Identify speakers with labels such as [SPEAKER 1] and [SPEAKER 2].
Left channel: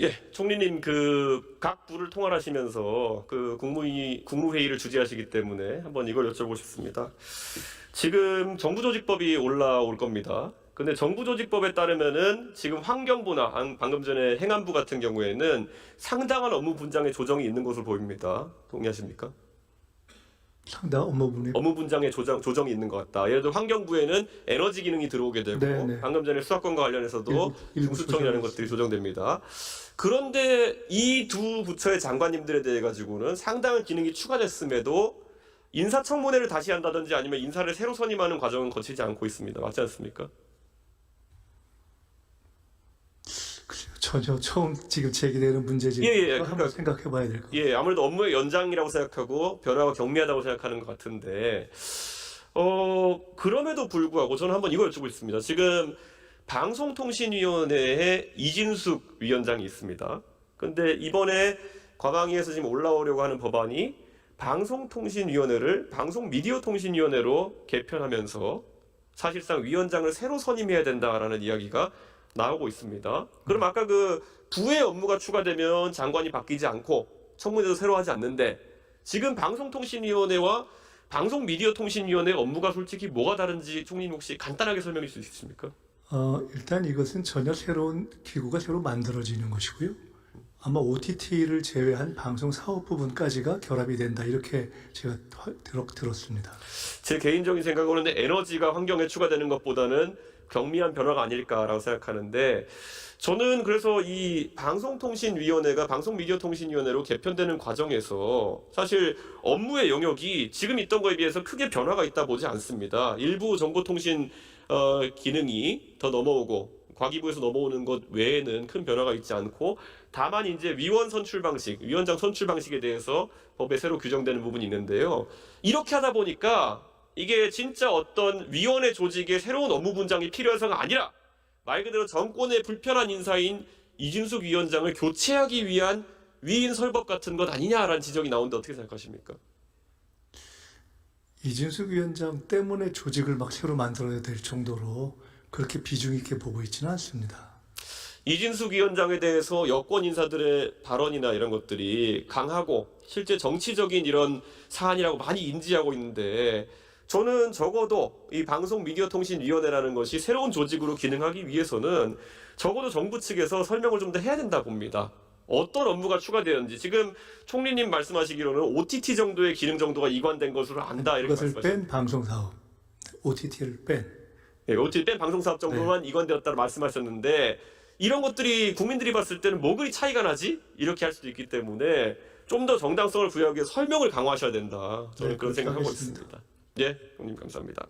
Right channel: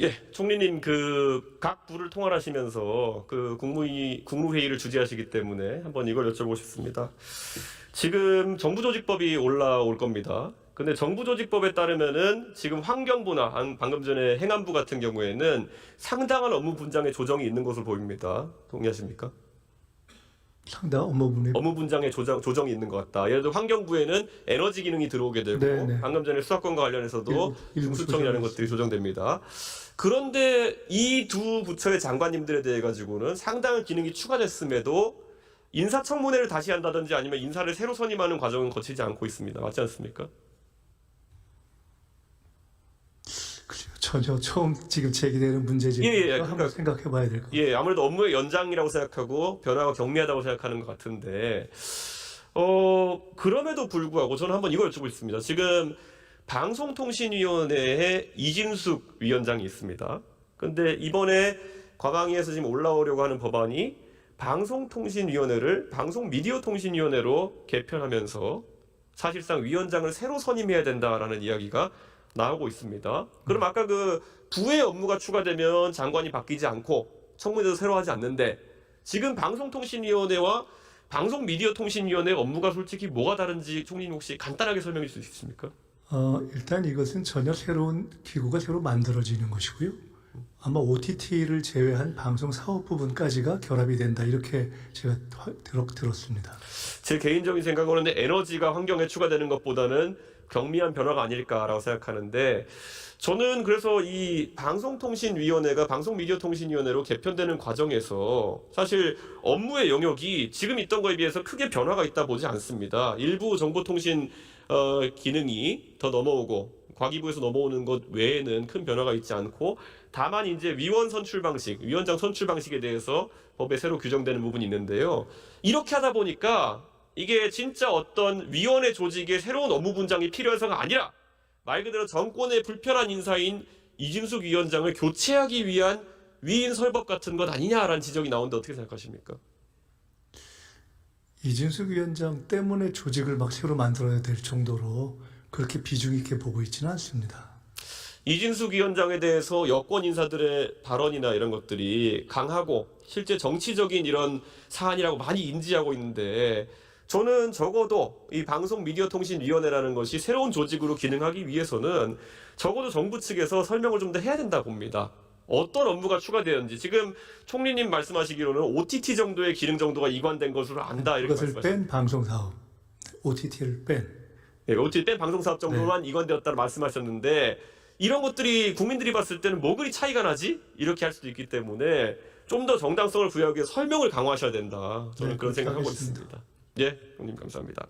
[SPEAKER 1] 예, 총리님 그 각 부를 통할하시면서 그 국무위 국무회의를 주재하시기 때문에 한번 이걸 여쭤보고 싶습니다. 지금 정부조직법이 올라올 겁니다. 근데 정부조직법에 따르면은 지금 환경부나 방- 방금 전에 행안부 같은 경우에는 상당한 업무 분장의 조정이 있는 것으로 보입니다. 동의하십니까?
[SPEAKER 2] 상당 업무분이
[SPEAKER 1] 업무 분장의 조정, 조정이 있는 것 같다. 예를 들어 환경부에는 에너지 기능이 들어오게 되고
[SPEAKER 2] 네, 네.
[SPEAKER 1] 방금 전에 수사권과 관련해서도 중수청이라는 것들이 조정됩니다. 그런데 이 두 부처의 장관님들에 대해 가지고는 상당한 기능이 추가됐음에도 인사청문회를 다시 한다든지 아니면 인사를 새로 선임하는 과정은 거치지 않고 있습니다. 맞지 않습니까?
[SPEAKER 2] 전혀 처음 지금 제기되는 문제지.
[SPEAKER 1] 예, 예,
[SPEAKER 2] 한번
[SPEAKER 1] 그러니까-
[SPEAKER 2] 생각해 봐야 될 것 같아요.
[SPEAKER 1] 예, 아무래도 업무의 연장이라고 생각하고 변화가 경미하다고 생각하는 것 같은데, 어, 그럼에도 불구하고 저는 한번 이걸 여쭤보고 싶습니다. 지금 방송통신위원회에 이진숙 위원장이 있습니다. 근데 이번에 과방위에서 지금 올라오려고 하는 법안이 방송통신위원회를 방송미디어통신위원회로 개편하면서 사실상 위원장을 새로 선임해야 된다라는 이야기가 나오고 있습니다. 그럼 아까 그 부의 업무가 추가되면 장관이 바뀌지 않고 청문회도 새로 하지 않는데 지금 방송통신위원회와 방송미디어통신위원회 업무가 솔직히 뭐가 다른지 총리님 혹시 간단하게 설명해 주실 수 있습니까?
[SPEAKER 2] 어, 일단 이것은 전혀 새로운 기구가 새로 만들어지는 것이고요. 아마 OTT를 제외한 방송 사업 부분까지가 결합이 된다 이렇게 제가 들었습니다.
[SPEAKER 1] 제 개인적인 생각으로는 에너지가 환경에 추가되는 것보다는 경미한 변화가 아닐까라고 생각하는데 저는 그래서 이 방송통신위원회가 방송미디어통신위원회로 개편되는 과정에서 사실 업무의 영역이 지금 있던 거에 비해서 크게 변화가 있다 보지 않습니다. 일부 정보통신 어, 기능이 더 넘어오고 과기부에서 넘어오는 것 외에는 큰 변화가 있지 않고 다만 이제 위원 선출 방식, 위원장 선출 방식에 대해서 법에 새로 규정되는 부분이 있는데요. 이렇게 하다 보니까 이게 진짜 어떤 위원회 조직의 새로운 업무 분장이 필요해서가 아니라 말 그대로 정권의 불편한 인사인 이진숙 위원장을 교체하기 위한 위인 설법 같은 것 아니냐라는 지적이 나오는데 어떻게 생각하십니까?
[SPEAKER 2] 이진숙 위원장 때문에 조직을 막 새로 만들어야 될 정도로 그렇게 비중 있게 보고 있지는 않습니다.
[SPEAKER 1] 이진숙 위원장에 대해서 여권 인사들의 발언이나 이런 것들이 강하고 실제 정치적인 이런 사안이라고 많이 인지하고 있는데 저는 적어도 이 방송 미디어 통신 위원회라는 것이 새로운 조직으로 기능하기 위해서는 적어도 정부 측에서 설명을 좀 더 해야 된다 봅니다. 어떤 업무가 추가되었는지 지금 총리님 말씀하시기로는 OTT 정도의 기능 정도가 이관된 것으로 안다 이렇게
[SPEAKER 2] 그것을. 뺀 방송 사업, OTT를 뺀
[SPEAKER 1] 예, OTT 뺀 방송 사업
[SPEAKER 2] 네.
[SPEAKER 1] 정도만 이관되었다고 말씀하셨는데 이런 것들이 국민들이 봤을 때는 뭐 그리 차이가 나지? 이렇게 할 수도 있기 때문에 좀 더 정당성을 부여하기 위해 설명을 강화하셔야 된다. 저는
[SPEAKER 2] 네,
[SPEAKER 1] 그런 생각하고. 있습니다. 예, 형님 감사합니다.